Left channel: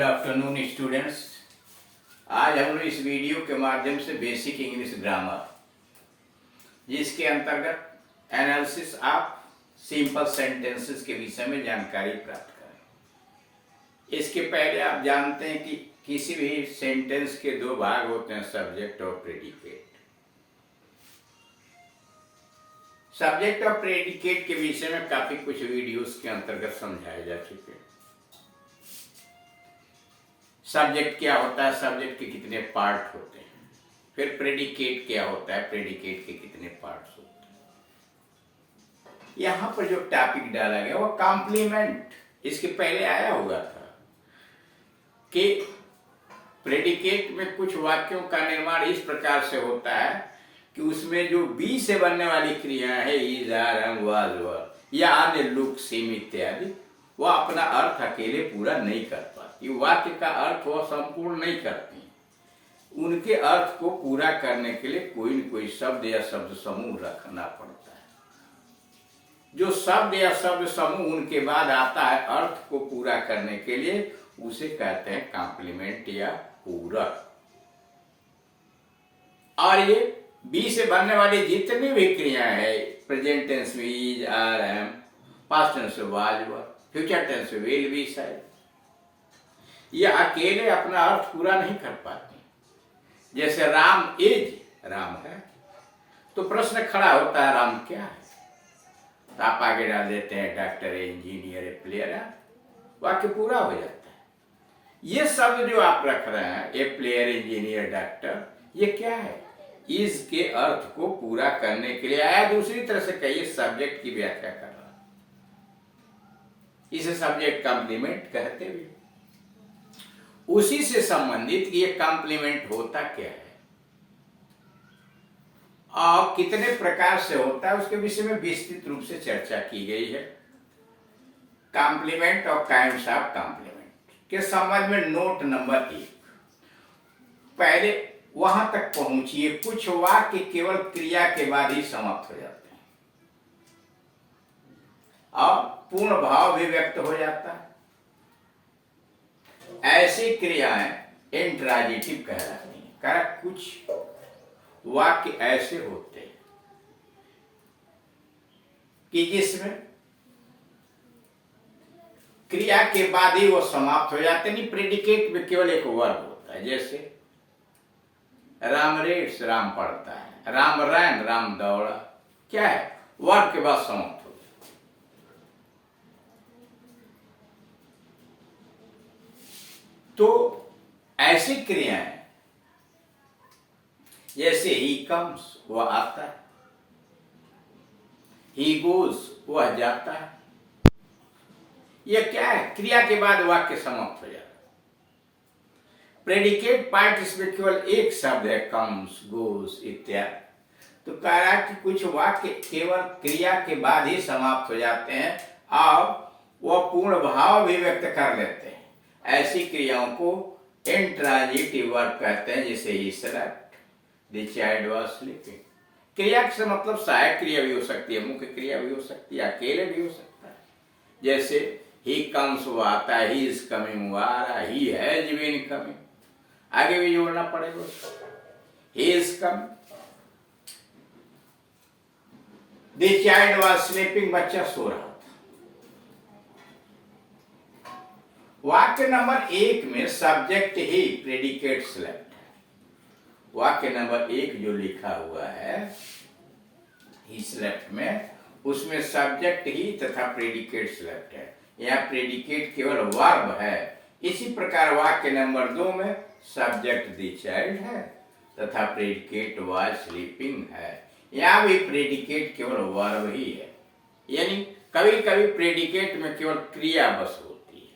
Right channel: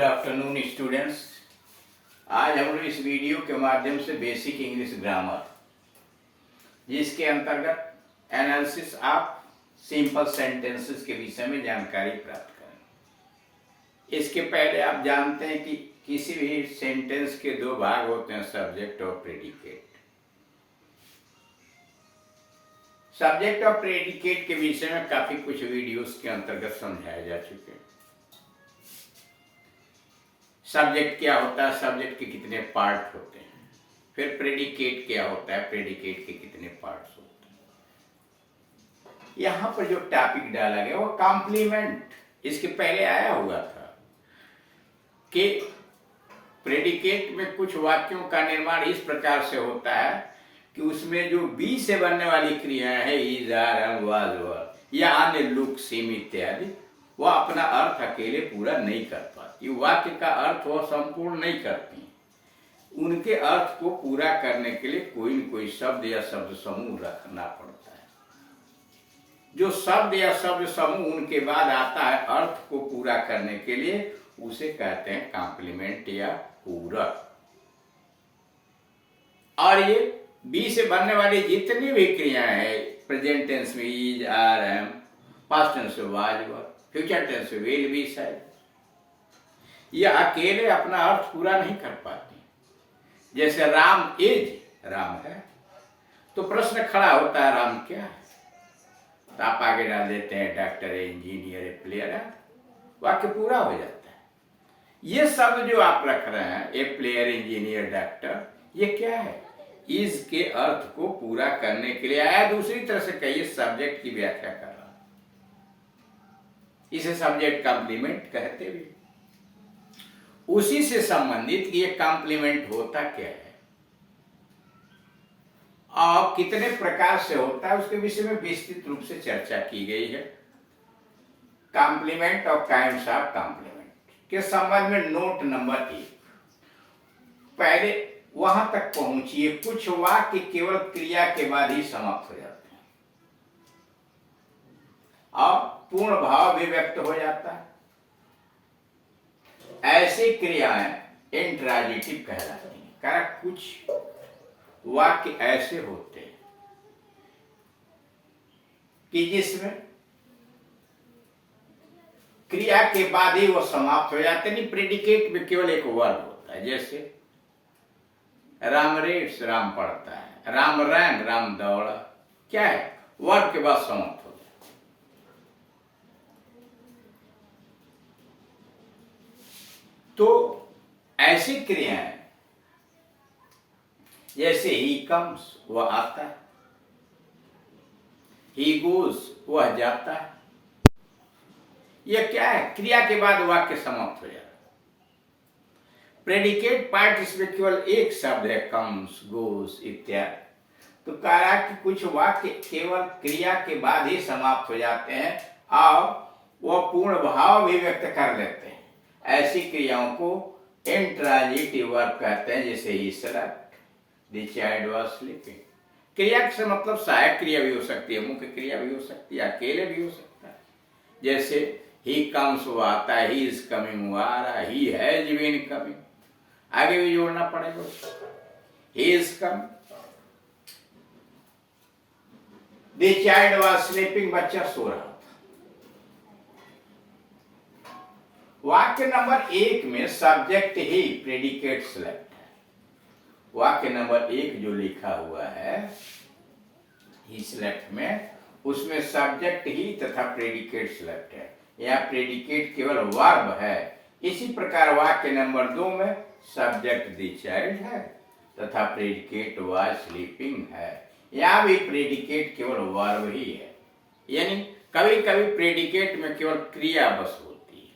Good afternoon students. आज हम लोग इस वीडियो के माध्यम से बेसिक इंग्लिश ग्रामर जिसके अंतर्गत एनालिसिस ऑफ सिंपल सेंटेंसेस के विषय में जानकारी प्राप्त करें। इसके पहले आप जानते हैं कि किसी भी सेंटेंस के दो भाग होते हैं, सब्जेक्ट और प्रेडिकेट। सब्जेक्ट और प्रेडिकेट के विषय में काफी कुछ वीडियोस के अंतर्गत समझाए जा चुके हैं। सब्जेक्ट क्या होता है, सब्जेक्ट के कितने पार्ट होते हैं, फिर प्रेडिकेट क्या होता है, प्रेडिकेट के कितने पार्ट्स होते हैं। यहां पर जो टॉपिक डाला गया वो कॉम्प्लीमेंट, इसके पहले आया हुआ था कि प्रेडिकेट में कुछ वाक्यों का निर्माण इस प्रकार से होता है कि उसमें जो बी से बनने वाली क्रियाएं है, इज, आर, एम, वाज, वर या अन्य लुक, सिम इत्यादि, वह अपना अर्थ अकेले पूरा नहीं कर पाती। वाक्य का अर्थ वह संपूर्ण नहीं करती। उनके अर्थ को पूरा करने के लिए कोई न कोई शब्द या शब्द समूह रखना पड़ता है। जो शब्द या शब्द समूह उनके बाद आता है अर्थ को पूरा करने के लिए, उसे कहते हैं कॉम्प्लीमेंट या पूरक। और ये बी से बनने वाली जितनी भी क्रियाएं हैं, प्रेजेंट टेंस में is, are, am, past tense में वाज, वर, फ्यूचर टेंस में विल बी, शायद, यह अकेले अपना अर्थ पूरा नहीं कर पाती। जैसे राम इज, राम है, तो प्रश्न खड़ा होता है राम क्या है, तो आप आगे डाल देते हैं डॉक्टर है, इंजीनियर है, प्लेयर है, वाक्य पूरा हो जाता है। ये शब्द जो आप रख रहे हैं, ए प्लेयर, इंजीनियर, डॉक्टर, ये क्या है, इज के अर्थ को पूरा करने के लिए आया। दूसरी तरह से कहिए सब्जेक्ट की व्याख्या कर रहा है, इसे सब्जेक्ट कॉम्प्लीमेंट कहते भी। उसी से संबंधित ये कॉम्प्लीमेंट होता क्या है और कितने प्रकार से होता है, उसके विषय में विस्तृत रूप से चर्चा की गई है। कॉम्प्लीमेंट और काइंड्स ऑफ कॉम्प्लीमेंट के संबंध में नोट नंबर 1। पहले वहां तक पहुंचिए, कुछ वाक्य केवल क्रिया के बाद ही समाप्त हो जाते हैं और पूर्ण भाव भी व्यक्त हो जाता है। ऐसी क्रियाएं इंट्रांजिटिव कहलाती हैं। कारण कुछ वाक्य ऐसे होते हैं कि जिसमें क्रिया के बाद ही वो समाप्त हो जाते नहीं। प्रेडिकेट में केवल एक वर्ब होता है। जैसे राम रेड्स, राम पढ़ता है, राम रैन, राम दौड़ा, क्या है, वर्ब के बाद समाप्त हो जाता है। तो ऐसी क्रियाएं जैसे ही कम्स, वह आता है, ही गोज, वह जाता है, यह क्या है, क्रिया के बाद वाक्य समाप्त हो जाता है। प्रेडिकेट पार्ट इसमें केवल एक शब्द है, कम्स, गोस इत्यादि। तो कह रहा है कि कुछ वाक्य केवल क्रिया के बाद ही समाप्त हो जाते हैं और वह पूर्ण भाव भी व्यक्त कर लेते हैं। ऐसी क्रियाओं को इंट्रांजिटिव वर्ब कहते हैं। जैसे he slept, the child was sleeping. क्रिया से मतलब सहायक क्रिया भी हो सकती है, मुख्य क्रिया भी हो सकती है, अकेले भी हो सकता है। जैसे ही कम्स, वो आता है, ही इज कमिंग, वो आ रहा है, ही हैज बीन कमिंग, आगे भी जोड़ना पड़ेगा। He is come, the child was sleeping, बच्चा सो रहा था। वाक्य नंबर 1 में सब्जेक्ट ही, प्रेडिकेट सेलेक्ट है। वाक्य नंबर 1 जो लिखा हुआ है ही सेलेक्ट में, उसमें सब्जेक्ट ही तथा प्रेडिकेट सेलेक्ट है। यहाँ प्रेडिकेट केवल वर्ब है। इसी प्रकार वाक्य नंबर 2 में सब्जेक्ट द चाइल्ड है तथा प्रेडिकेट वाज स्लीपिंग है। यहाँ भी प्रेडिकेट केवल वर्ब ही है। यानी कभी कभी प्रेडिकेट में केवल क्रिया बस होती है,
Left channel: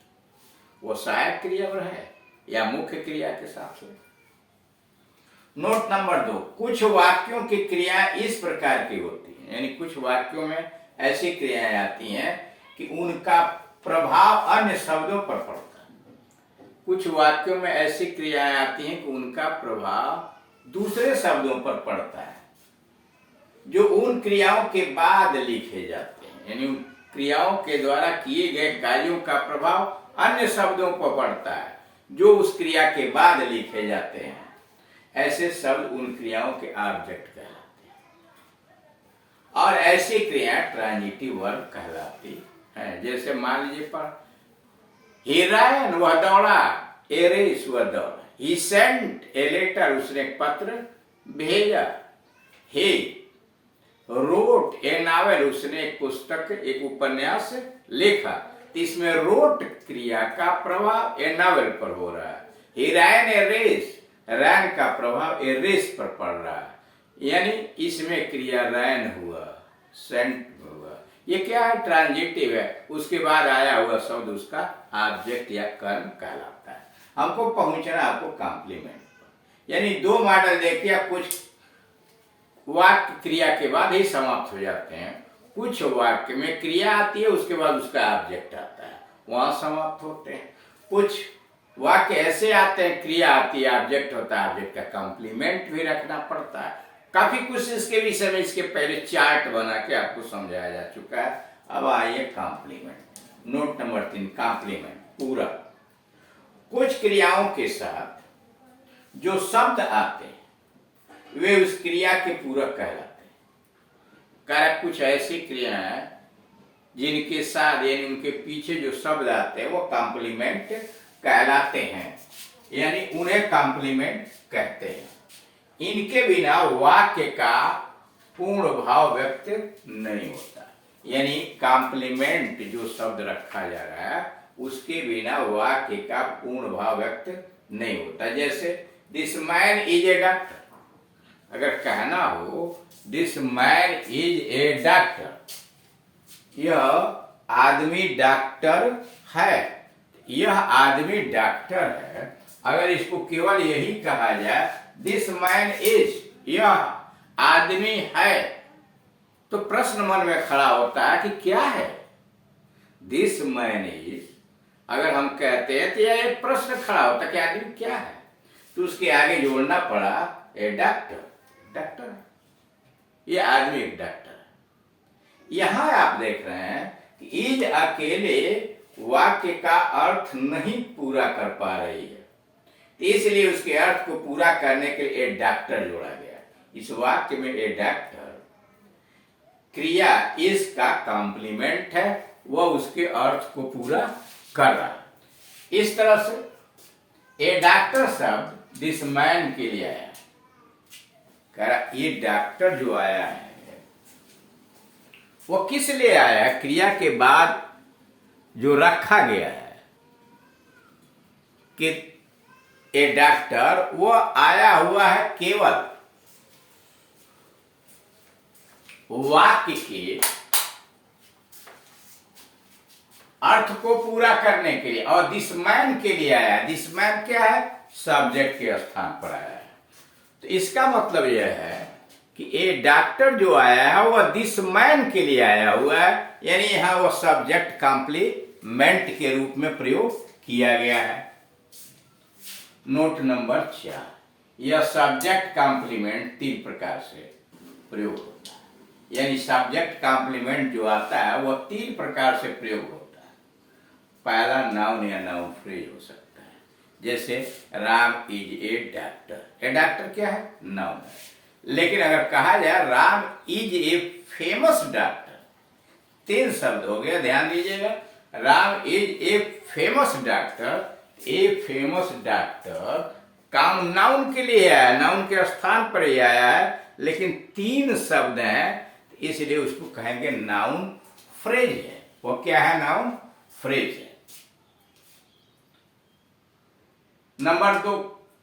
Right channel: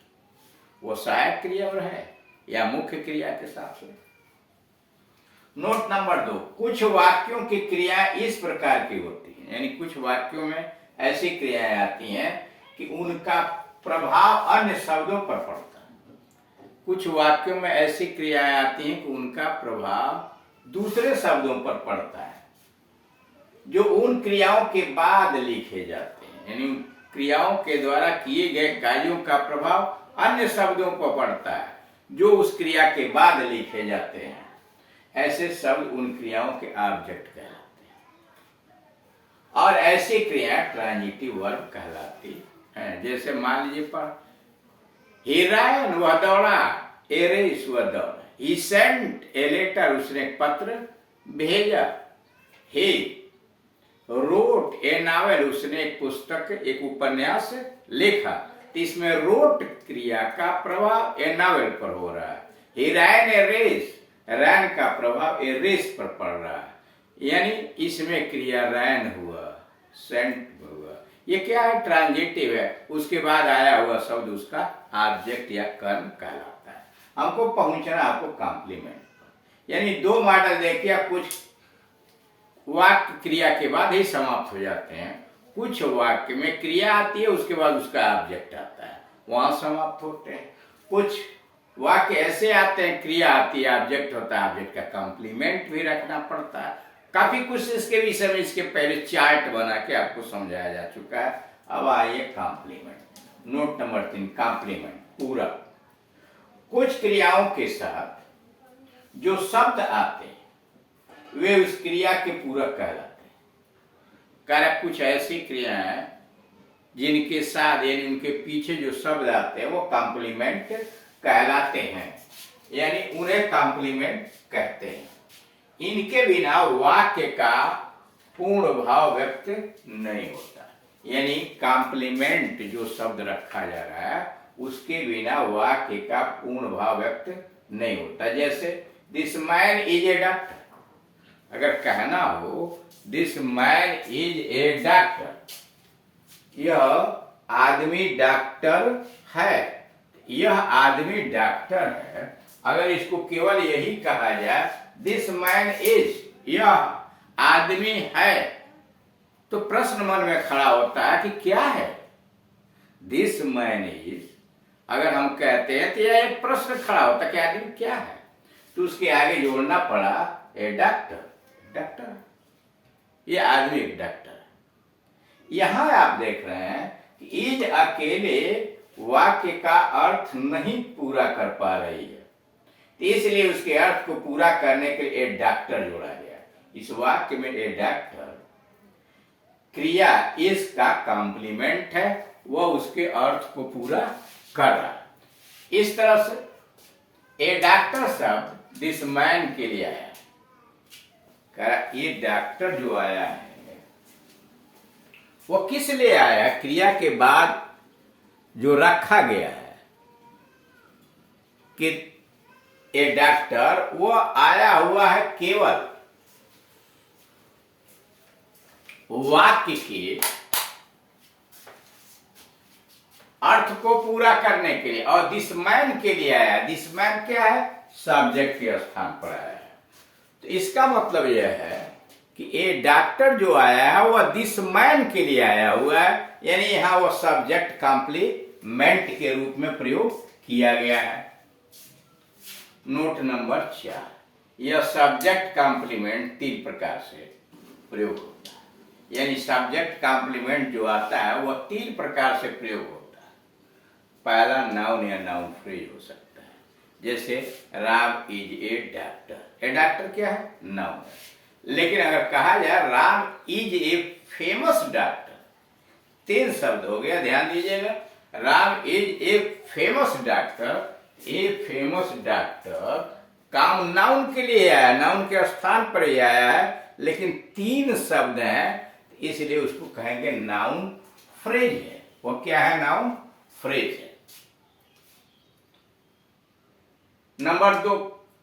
वो सहायक क्रिया है या मुख्य क्रिया के साथ से। नोट नंबर 2, कुछ वाक्यों की क्रिया इस प्रकार की होती है, यानी कुछ वाक्यों में ऐसी क्रियाएं आती हैं कि उनका प्रभाव अन्य शब्दों पर पड़ता है। कुछ वाक्यों में ऐसी क्रियाएं आती हैं कि उनका प्रभाव दूसरे शब्दों पर पड़ता है जो उन क्रियाओं के बाद लिखे जाते हैं। यानी क्रियाओं के द्वारा किए गए कार्यों का प्रभाव अन्य शब्दों पर पड़ता है। जो उस क्रिया के बाद लिखे जाते हैं, ऐसे शब्द उन क्रियाओं के ऑब्जेक्ट कहलाते हैं। और ऐसी क्रियाएं ट्रांजिटिव वर्ब कहलाती हैं। जैसे मान लीजिए पर ही रैन, वह दौड़ा, ए रेस, वह दौड़ा, ही सेंट ए लेटर, उसने एक पत्र भेजा, ही रोट ए नावल, उसने एक पुस्तक, एक उपन्यास लिखा। तो इसमें रोट क्रिया का प्रभाव ए नावल पर हो रहा है। ही रैन ए रेस, रैन का प्रभाव ए रेस पर पड़ रहा है, यानी इसमें क्रिया रैन हुआ, सेंट हुआ। ये क्या है? ट्रांजिटिव है। उसके बाद आया हुआ शब्द उसका ऑब्जेक्ट या कर्म कहलाता है। हमको पहुंचना आपको कॉम्प्लीमेंट पर, यानी दो मॉडल देखिए, कुछ वाक्य क्रिया के बाद ही समाप्त हो जाते हैं, कुछ वाक्य में क्रिया आती है उसके बाद उसका ऑब्जेक्ट आता है, वहां समाप्त होते हैं। कुछ वाक्य ऐसे आते हैं, क्रिया आती है, ऑब्जेक्ट होता है, ऑब्जेक्ट का कॉम्प्लीमेंट भी रखना पड़ता है। काफी कुछ इसके विषय में इसके पहले चार्ट बना के आपको समझाया जा चुका है। अब आइए कॉम्प्लीमेंट। नोट नंबर 3, कॉम्प्लीमेंट, पूरक। कुछ क्रियाओं के साथ जो शब्द आते हैं वे उस क्रिया के पूरक कहलाते हैं। कारण कुछ ऐसी क्रियाएं हैं जिनके साथ यानी उनके पीछे जो शब्द आते हैं वो कॉम्प्लीमेंट कहलाते हैं, यानी उन्हें कॉम्प्लीमेंट कहते हैं। इनके बिना वाक्य का पूर्ण भाव व्यक्त नहीं होता, यानी कॉम्प्लीमेंट जो शब्द रखा जा रहा है उसके बिना वाक्य का पूर्ण भाव व्यक्त नहीं होता। जैसे this man is a doctor, अगर कहना हो this man is a doctor, यह आदमी डॉक्टर है, यह आदमी डॉक्टर है। अगर इसको केवल यही कहा जाए दिस मैन इज, यह आदमी है, तो प्रश्न मन में खड़ा होता है कि क्या है दिस मैन इज। अगर हम कहते हैं तो यह एक प्रश्न खड़ा होता है कि आदमी क्या है, तो उसके आगे जोड़ना पड़ा ए डॉक्टर, डॉक्टर है, ये आदमी एक डॉक्टर है। यहां आप देख रहे हैं कि इज अकेले वाक्य का अर्थ नहीं पूरा कर पा रही है, तो इसलिए उसके अर्थ को पूरा करने के लिए ए डॉक्टर जोड़ा गया। इस वाक्य में ए डॉक्टर क्रिया इस का कॉम्प्लीमेंट है, वह उसके अर्थ को पूरा कर रहा है। इस तरह से ए डॉक्टर शब्द दिस मैन के लिए आया, ये डॉक्टर जो आया है वो किस लिए आया है? क्रिया के बाद जो रखा गया है कि ए डॉक्टर, वो आया हुआ है केवल वाक्य के अर्थ को पूरा करने के लिए, और दिस मैन के लिए आया है। दिस मैन क्या है? सब्जेक्ट के स्थान पर आया है। तो इसका मतलब यह है कि ए डॉक्टर जो आया है वह दिस मैन के लिए आया हुआ है, यानी यहां वह सब्जेक्ट कॉम्प्लीमेंट के रूप में प्रयोग किया गया है। नोट नंबर 4, यह सब्जेक्ट कॉम्प्लीमेंट 3 प्रकार से प्रयोग होता है, यानी सब्जेक्ट कॉम्प्लीमेंट जो आता है वह 3 प्रकार से प्रयोग होता है। पहला नाउन या नाउन फ्रेज हो सकता है, जैसे Ram is a doctor. A doctor क्या है? नाउन है। लेकिन अगर कहा जाए Ram is a famous doctor, 3 शब्द हो गया, ध्यान दीजिएगा। Ram is a famous doctor, a famous doctor काम नाउन के लिए आया, नाउन के स्थान पर ही आया है, लेकिन 3 शब्द हैं, इसलिए उसको कहेंगे नाउन फ्रेज है। वो क्या है? नाउन फ्रेज है। नंबर 2,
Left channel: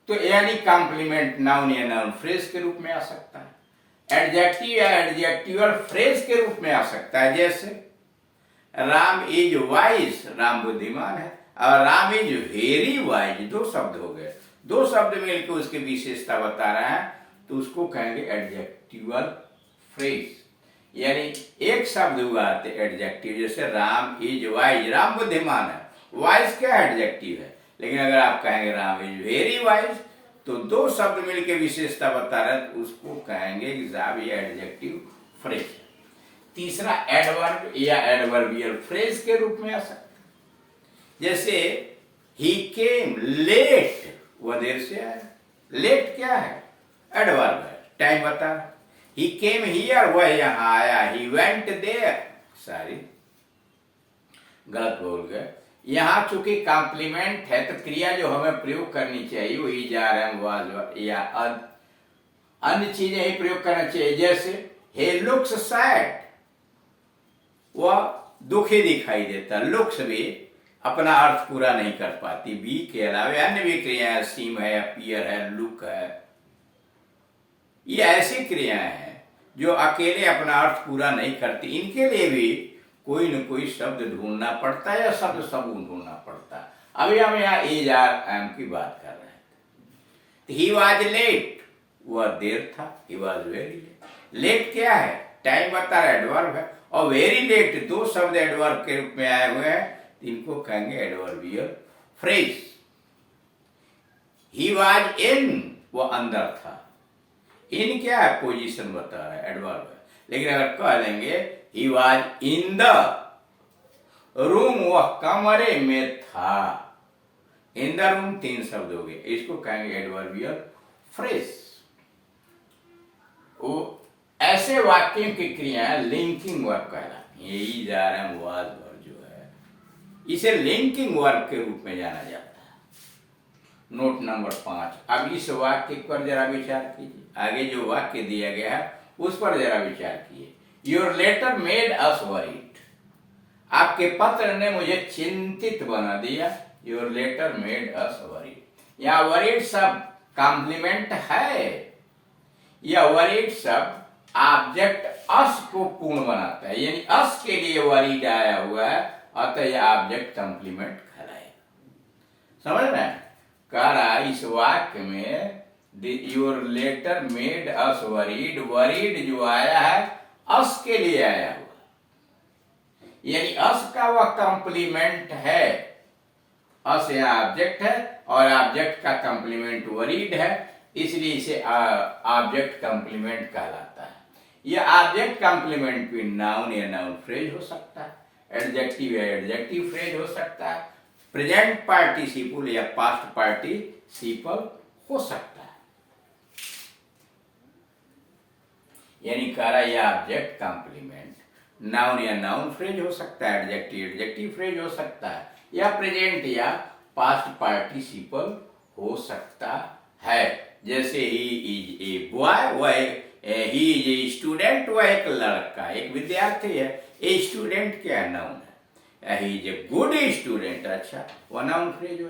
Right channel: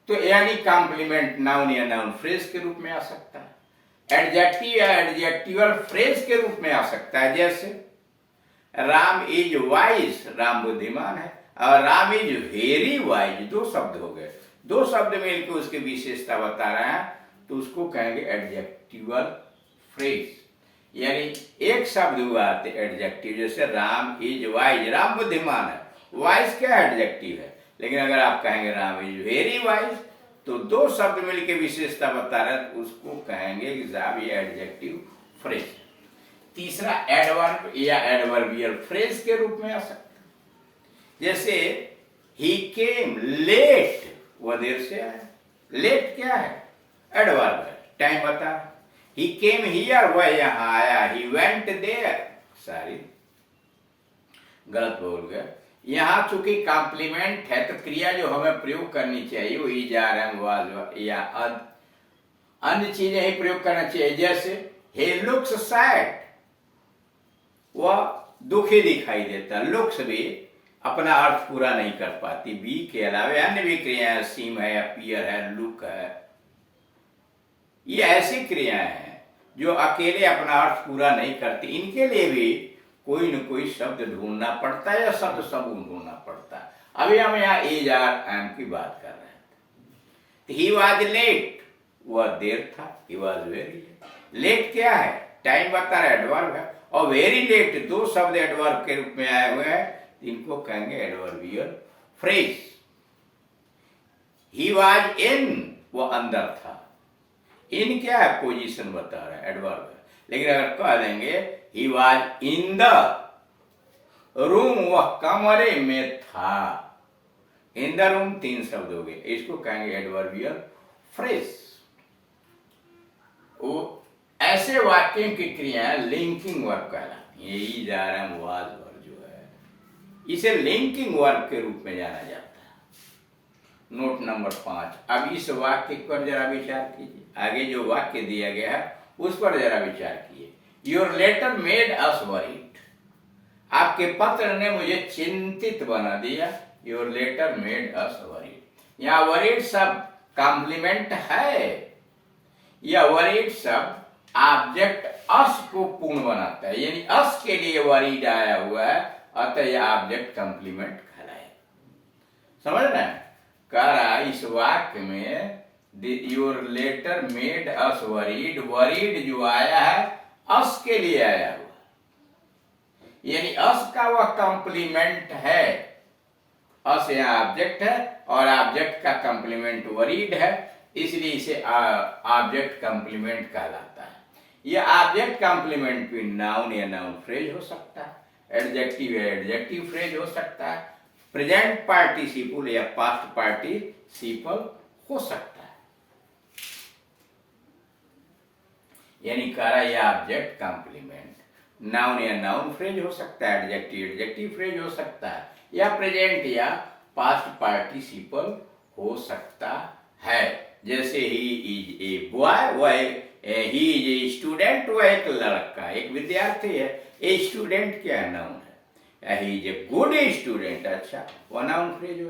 तो यानी कॉम्प्लीमेंट नाउन या नाउन फ्रेज के रूप में आ सकता है। एडजेक्टिव या एडजेक्टिवल फ्रेज के रूप में आ सकता है, जैसे राम इज वाइज, राम बुद्धिमान है, और राम इज वेरी वाइज, 2 शब्द हो गए। 2 शब्द मिलकर उसकी विशेषता बता रहे हैं, तो उसको कहेंगे एडजेक्टिवल फ्रेज। यानी एक शब्द हुआ एडजेक्टिव, जैसे राम इज वाइज, राम बुद्धिमान है, वाइज क्या एडजेक्टिव है। लेकिन अगर आप कहेंगे राम इज वेरी वाइज, तो 2 शब्द मिलकर विशेषता बता रहे हैं, तो उसको कहेंगे कि साहब ये एडजेक्टिव फ्रेज। तीसरा एडवर्ब या एडवर्बियल फ्रेज के रूप में आ सकता है, जैसे ही केम लेट, वह देर से आया। लेट क्या है? एडवर्ब है, टाइम बता। ही केम हियर, वह यहां आया। ही वेंट देयर, सॉरी गलत बोल गए। यहां चूंकि कॉम्प्लीमेंट है तो क्रिया जो हमें प्रयोग करनी चाहिए वो इज आर एम वाज या अन्य चीजें ही प्रयोग करना चाहिए। जैसे he looks sad, वह दुखी दिखाई देता। लुक्स भी अपना अर्थ पूरा नहीं कर पाती। बी के अलावे अन्य भी क्रियाएं, सीम है, अपीयर है, लुक है, ये ऐसी क्रियाएं हैं जो अकेले अपना अर्थ पूरा नहीं करती। इनके लिए भी कोई न कोई शब्द ढूंढना पड़ता है या शब्द समूह ढूंढना पड़ता है। अभी हम यहाँ एज आर एम की बात कर रहे थे। ही वॉज लेट, वह देर था। He was very late. Late क्या है? टाइम बता रहा, एडवर्ब है। और वेरी लेट दो शब्द एडवर्ब के रूप में आए हुए हैं, इनको कहेंगे adverbial phrase. He was in, वो अंदर था। इन क्या है? पोजीशन बता रहा है, एडवर्ब है। लेकिन अगर कह लेंगे he was in the room, वह कमरे में था। इन द रूम तीन शब्द हो गए, इसको कहेंगे एडवर्बियल फ्रेज। वो ऐसे वाक्यों की क्रियाएं लिंकिंग वर्ब कहलाती है। यही जा रहा है वाज वर्ब जो है, इसे लिंकिंग वर्ब के रूप में जाना जाता है। Note number 5। अब इस वाक्य पर जरा विचार कीजिए। आगे जो वाक्य दिया गया है उस पर जरा विचार कीजिए। Your letter made us worried, आपके पत्र ने मुझे चिंतित बना दिया। Your letter made us worried, यहाँ वरीड शब्द कॉम्प्लीमेंट है। यह वरीड शब्द ऑब्जेक्ट अस को पूर्ण बनाता है, यानी अस के लिए वरीड आया हुआ है, अतः यह ऑब्जेक्ट कॉम्प्लीमेंट कहलाए। समझ रहे हैं? कह रहा इस वाक्य में your letter made us worried, worried जो आया है अस के लिए आया हुआ, यानी अस का वह कॉम्प्लीमेंट है। अस यहाँ ऑब्जेक्ट है और ऑब्जेक्ट का कॉम्प्लीमेंट वरीड है, इसलिए इसे ऑब्जेक्ट कॉम्प्लीमेंट कहलाता है। यह ऑब्जेक्ट कॉम्प्लीमेंट भी नाउन या नाउन फ्रेज हो सकता है, एडजेक्टिव या एडजेक्टिव फ्रेज हो सकता है, प्रेजेंट पार्टिसिपल या पास्ट पार्टिसिपल हो सकता है। यानी कह रहा यह ऑब्जेक्ट कॉम्प्लीमेंट नाउन या नाउन फ्रेज हो सकता है, एडजेक्टिव एडजेक्टिव फ्रेज हो सकता है, या प्रेजेंट या पास्ट पार्टिसिपल हो सकता है। जैसे ही इज ए बॉय, वह ही इज ए स्टूडेंट, वह एक लड़का, एक विद्यार्थी है। ए स्टूडेंट क्या नाउन है। He is a good student, अच्छा वह नाउन फ्रेज हो।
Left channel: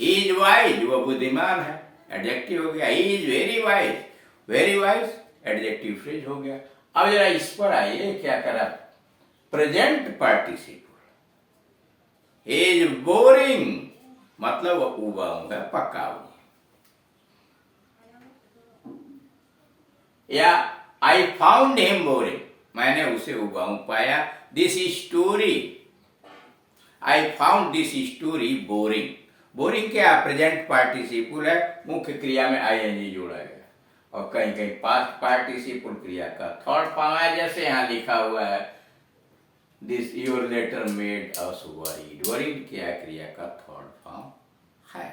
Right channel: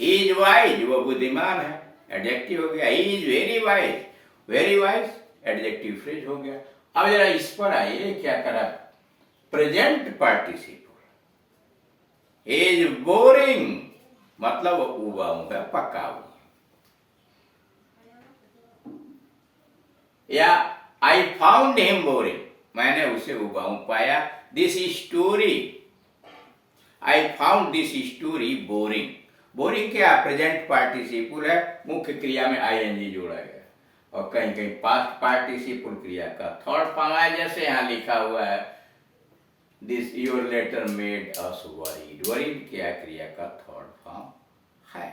ही इज वाइज, वह बुद्धिमान है, एडजेक्टिव हो गया। He is very wise, very wise adjective phrase हो गया। अब जरा इस पर आइए, क्या करा? Present participle. He is boring, मतलब उबाऊ है, पका हुआ। या आई फाउंड हिम बोरिंग, मैंने उसे उबाऊ पाया। This story, I found this story boring. Boring क्या? प्रेजेंट पार्टिसिपल है, मुख्य क्रिया में आईएनजी जोड़ा गया, और कहीं कहीं पास्ट पार्टिसिपल क्रिया का थर्ड फॉर्म है। जैसे यहाँ लिखा हुआ है this your letter made us worried. Worried क्या क्रिया का थर्ड फॉर्म है।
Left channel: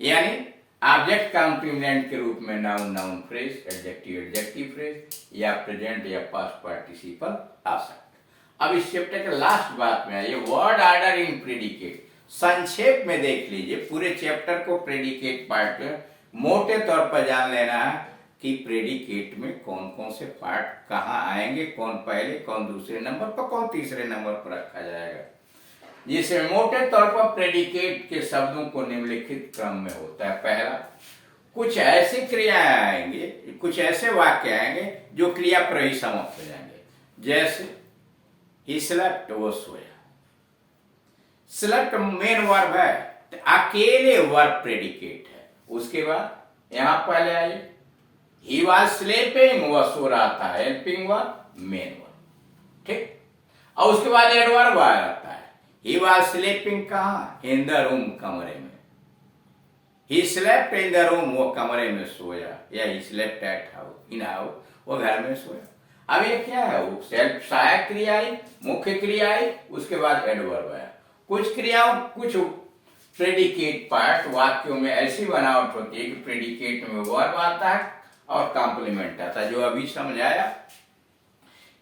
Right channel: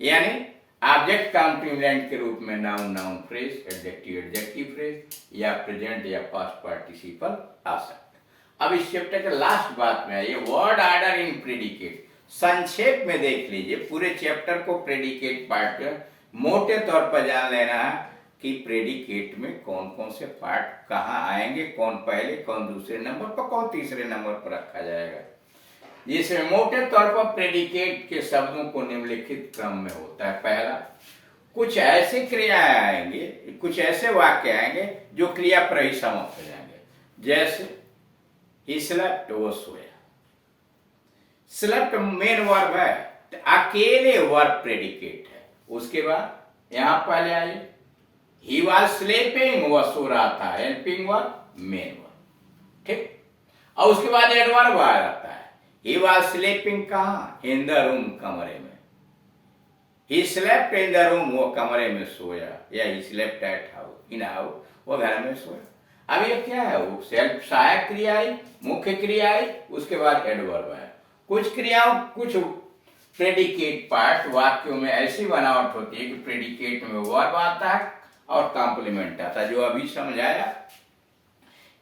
यानी ऑब्जेक्ट कॉम्प्लीमेंट के रूप में noun noun phrase, adjective adjective phrase, या प्रेजेंट या पास्ट पार्टिसिपल आ सकता है। अब इस चैप्टर के लास्ट बात में आइए, वर्ड ऑर्डर इन प्रेडिकेट। संक्षेप में देख लीजिए पूरे चैप्टर को, प्रेडिकेट पार्ट में मोटे तौर पर जान लेना है कि प्रेडिकेट में कौन कौन से पार्ट कहाँ आएंगे, कौन पहले, कौन दूसरे नंबर पर, कौन तीसरे नंबर पर रखा जाएगा। जिसमें मोटे तौर पर प्रेडिकेट के शब्दों को निम्नलिखित क्रम में होता है। पहला, कुछ ऐसी क्रियाएं आएंगे, कुछ ऐसे वाक्य आएंगे जो क्रिया पर ही समाप्त हो जाएंगे। जैसे ही स्लेप्ट, वो सोया। स्लेप्ट मेन वर्ब है, तो अकेले वर्ब प्रेडिकेट है। उसके बाद यहां पहले आइए, ही वॉज स्लीपिंग, वह सो रहा था, हेल्पिंग वर्ब मेन वर्ब, ठीक। और उसके बाद एडवर्ब आ जाता है। ही वॉज स्लीपिंग कहाँ? इन द रूम, कमरे में। He slept in the room, वो कमरे में सोया, या he slept at house, in house, वो घर में सोया। अब ये क्या है? वो सेल्फ सहायक क्रिया आई, मुख्य क्रिया आई, उसके बाद एडवर्ब आया। कुछ क्रियाओं, कुछ प्रेडिकेट पार्ट वाक्यों में ऐसी बनावट होती है कि प्रेडिकेट में वर्ब आता है और कॉम्प्लीमेंट आता है। जो अभी समझाया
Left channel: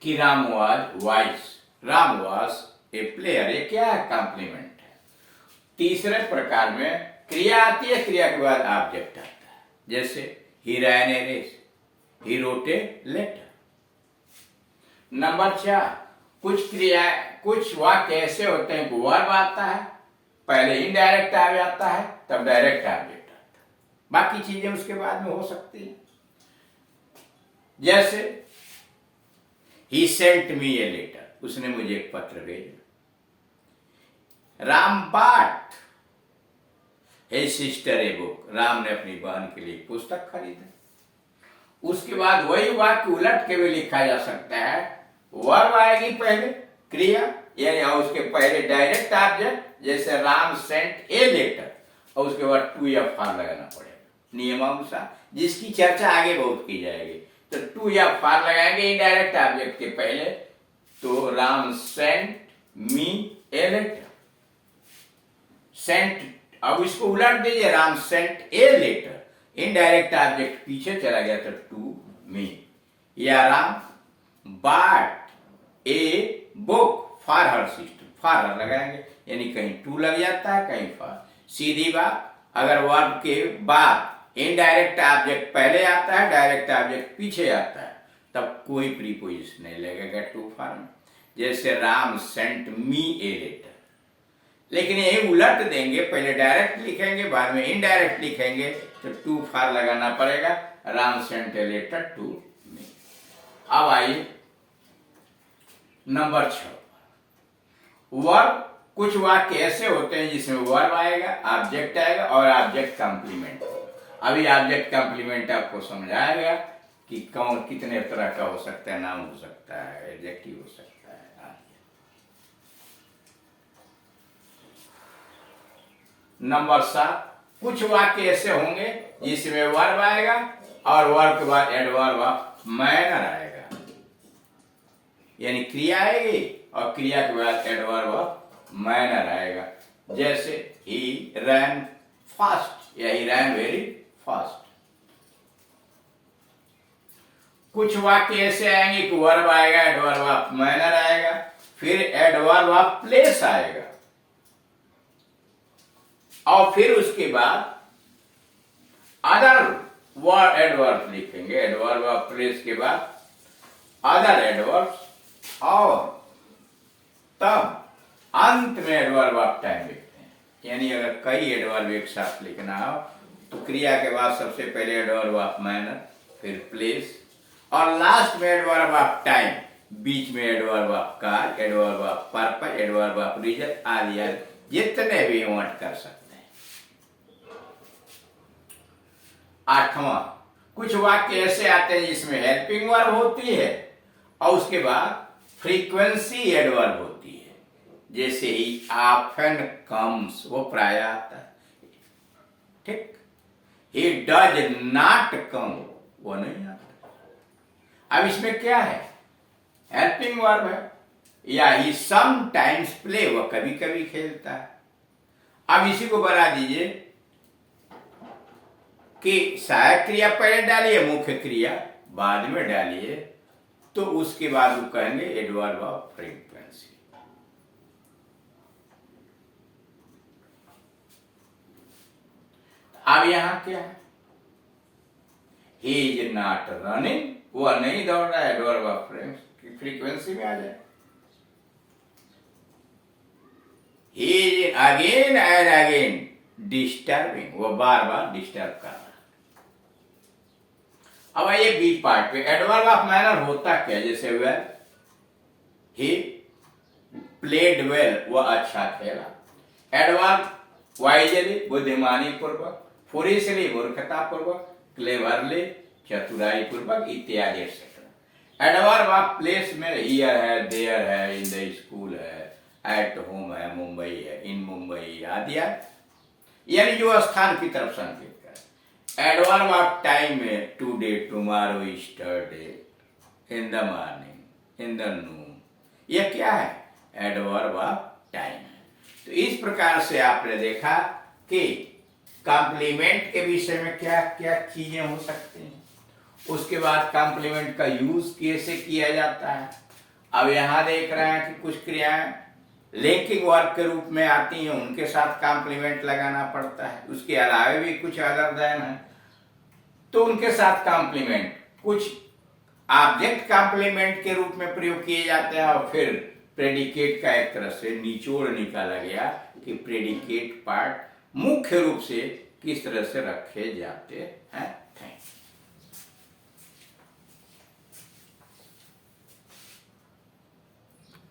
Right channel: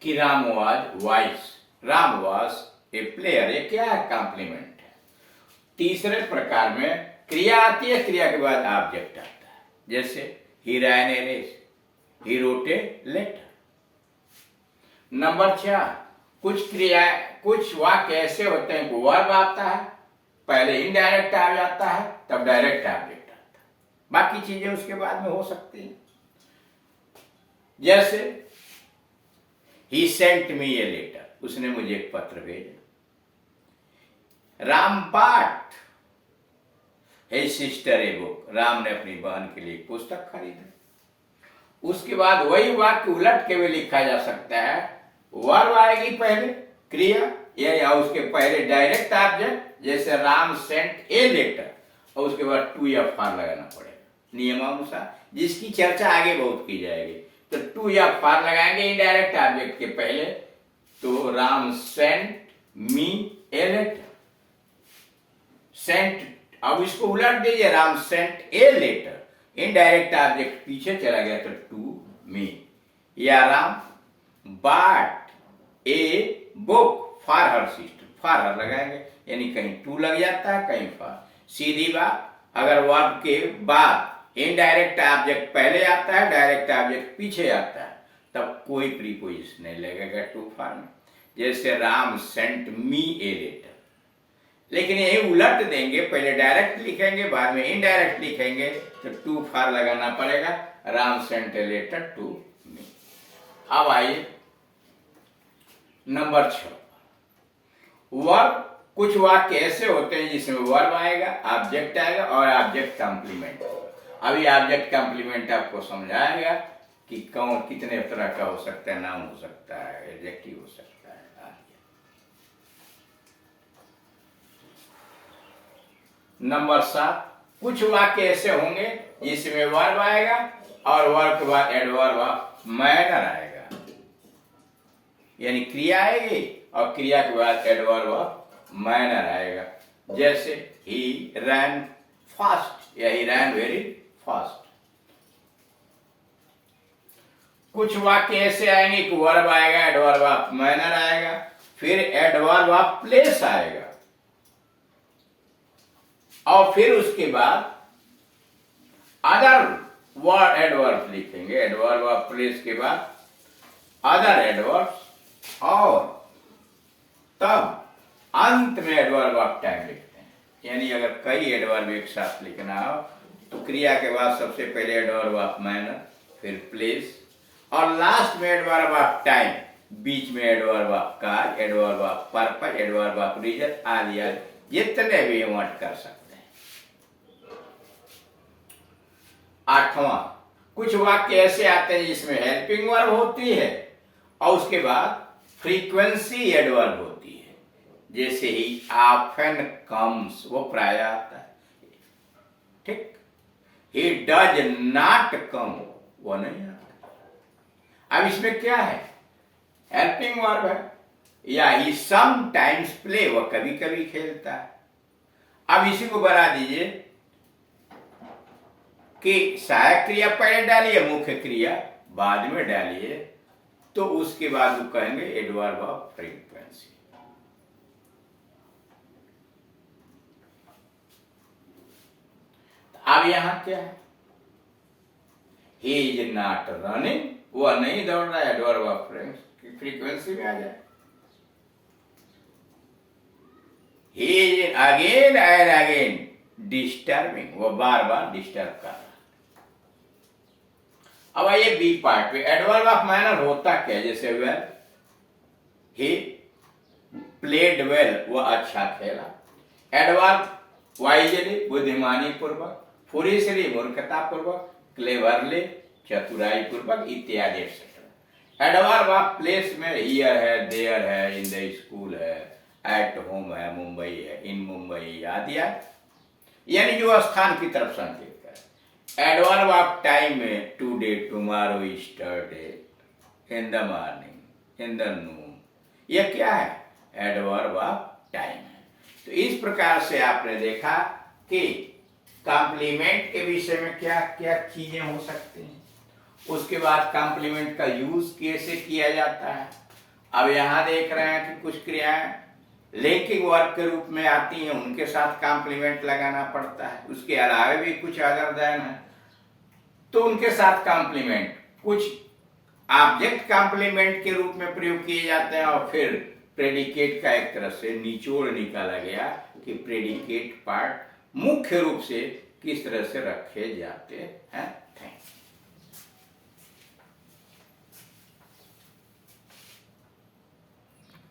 कि Ram was vice, Ram was a player, ये क्या है? कॉम्प्लीमेंट है। तीसरे प्रकार में क्रिया आती है, क्रिया के बाद ऑब्जेक्ट आता है। जैसे ही ran a race, he wrote a letter. Number 4, कुछ क्रिया, कुछ वाक्य ऐसे होते हैं कि वर्ब आता है, पहले इनडायरेक्ट आ जाता है, तब डायरेक्ट ऑब्जेक्ट आता है, बाकी चीजें उसके बाद में हो सकती हैं। जैसे ही सेंट मी ए लेटर, उसने मुझे एक पत्र भेजा। राम बाट हे सिस्टर ए बुक, राम ने अपनी बहन के लिए पुस्तक खरीदा। उसके बाद वही वाक्य उलट के भी लिखा जा सकता है, वर्ब आएगी पहले, क्रिया यानी उसके पहले डायरेक्ट ऑब्जेक्ट, जैसे राम सेंट ए लेटर, और उसके बाद टू या फार लगाना पड़ेगा नियमानुसार, जिसकी चर्चा आगे बहुत की जाएगी। तो टू या फार लगाएंगे इनडायरेक्ट ऑब्जेक्ट के पहले, तो Ram sent me a letter, sent, अब इसको उलट दीजिए, Ram sent a letter, indirect object पीछे चला गया तो टू मी, या Ram bought a book for her sister, for her लगाएंगे, यानी कहीं टू लग जाता है कहीं फॉर। सीधी बात, अगर वर्ब के बाद इनडायरेक्ट ऑब्जेक्ट पहले आता है, डायरेक्ट ऑब्जेक्ट पीछे आता है, तब कोई प्रीपोजिशन नहीं लगेगा टू फॉर में। जैसे Ram sent me a letter, लेकिन यही उलट देंगे, पहले डायरेक्ट लिखेंगे बाद में इनडायरेक्ट लिखेंगे, तो टू फॉर लगाना पड़ेगा, Ram sent a letter to me. अब आइए नंबर 6, वर्ब। कुछ वाक्य ऐसे होते हैं जिसमें वर्ब आएगा, ऑब्जेक्ट आएगा और ऑब्जेक्ट कॉम्प्लीमेंट होगा। अभी ऑब्जेक्ट कॉम्प्लीमेंट आपको समझाएगा कि कौन कितने तरह का हो सकता है, नाउन हो सकता है, एडजेक्टिव हो सकता है। नंबर 7, कुछ वाक्य ऐसे होंगे जिसमें वर्ब आएगा और वर्ब के बाद एडवर्ब मैनर आएगा, यानी क्रिया आएगी और क्रिया के बाद एडवर्ब मैनर आएगा। जैसे ही रैन फास्ट या ही रैन वेरी फास्ट। कुछ वाक्य ऐसे आएंगे कि वर्ब आएगा, एडवर्ब मैनर आएगा, फिर एडवर्ब प्लेस आएगा, और फिर उसके बाद अदर वर्ड एडवर्ब लिखेंगे, एडवर्ब प्लेस के बाद अदर एडवर्ब्स, और तब अंत में एडवर्ब ऑफ टाइम लिखते हैं। यानी अगर कई एडवर्ब एक साथ लिखना हो तो क्रिया के बाद सबसे पहले एडवर्ब ऑफ मैनर, फिर प्लेस, और लास्ट में एडवर्ब ऑफ टाइम, बीच में adverb of cause, adverb of purpose, adverb of reason, आलिया, जितने भी वांट कर सकते हैं। 8वां, कुछ वाक्य ऐसे आते हैं जिसमें हेल्पिंग वर्ब होती है और उसके बाद फ्रीक्वेंसी एडवर्ब होती है। जैसे ही ऑफन कम्स, वो प्राय आता है, ठीक। ही डज नॉट कम, वो नहीं आता। अब इसमें क्या है? हेल्पिंग वर्ब है। या ही समटाइम्स प्ले, वो कभी कभी खेलता है। अब इसी को बना दीजिए कि सहायक क्रिया पहले डालिए, मुख्य क्रिया बाद में डालिए, तो उसके बाद वो कहेंगे एडवर्ब ऑफ फ्रीक्वेंसी। अब यहां क्या है? ही इज नॉट रनिंग, वह नहीं दौड़ रहा है, एडवर्ब ऑफ फ्रीक्वेंसी में आ जाए। He is again and again disturbing, वो बार बार डिस्टर्ब कर रहा है। अब आइए बी पार्ट पे, एडवर्ब ऑफ मैनर होता क्या? जैसे वेल, ही प्लेड वेल, वो अच्छा खेला। एडवर्ब वाइजली, बुद्धिमानी पूर्वक, फुरिशली, मूर्खता पूर्वक, क्लेवरली, चतुराई पूर्वक, इत्यादि एक्सेट्रा। एडवर्ब ऑफ प्लेस में हियर है, देयर है, इन द स्कूल है, एट होम है, मुंबई है, इन मुंबई आदि, यानी जो स्थान की तरफ संकेत करे। एडवर्ब ऑफ टाइम में today, tomorrow, yesterday, in the morning, in the noon, ये क्या है? एडवर्ब ऑफ टाइम है। तो इस प्रकार से आपने देखा कि कॉम्प्लीमेंट के विषय में क्या क्या चीजें हो सकती हैं, उसके बाद कॉम्प्लीमेंट का यूज कैसे किया जाता है। अब यहां देख रहे हैं कि कुछ क्रियाएं लिंकिंग वर्ब के रूप में आती हैं, उनके साथ कॉम्प्लीमेंट लगाना पड़ता है। उसके अलावा भी कुछ अदर देन है तो उनके साथ कॉम्प्लीमेंट, कुछ ऑब्जेक्ट कॉम्प्लीमेंट के रूप में प्रयोग किए जाते हैं और फिर प्रेडिकेट का एक तरह से निचोड़ निकाला गया कि प्रेडिकेट पार्ट मुख्य रूप से किस तरह से रखे जाते हैं। थैंक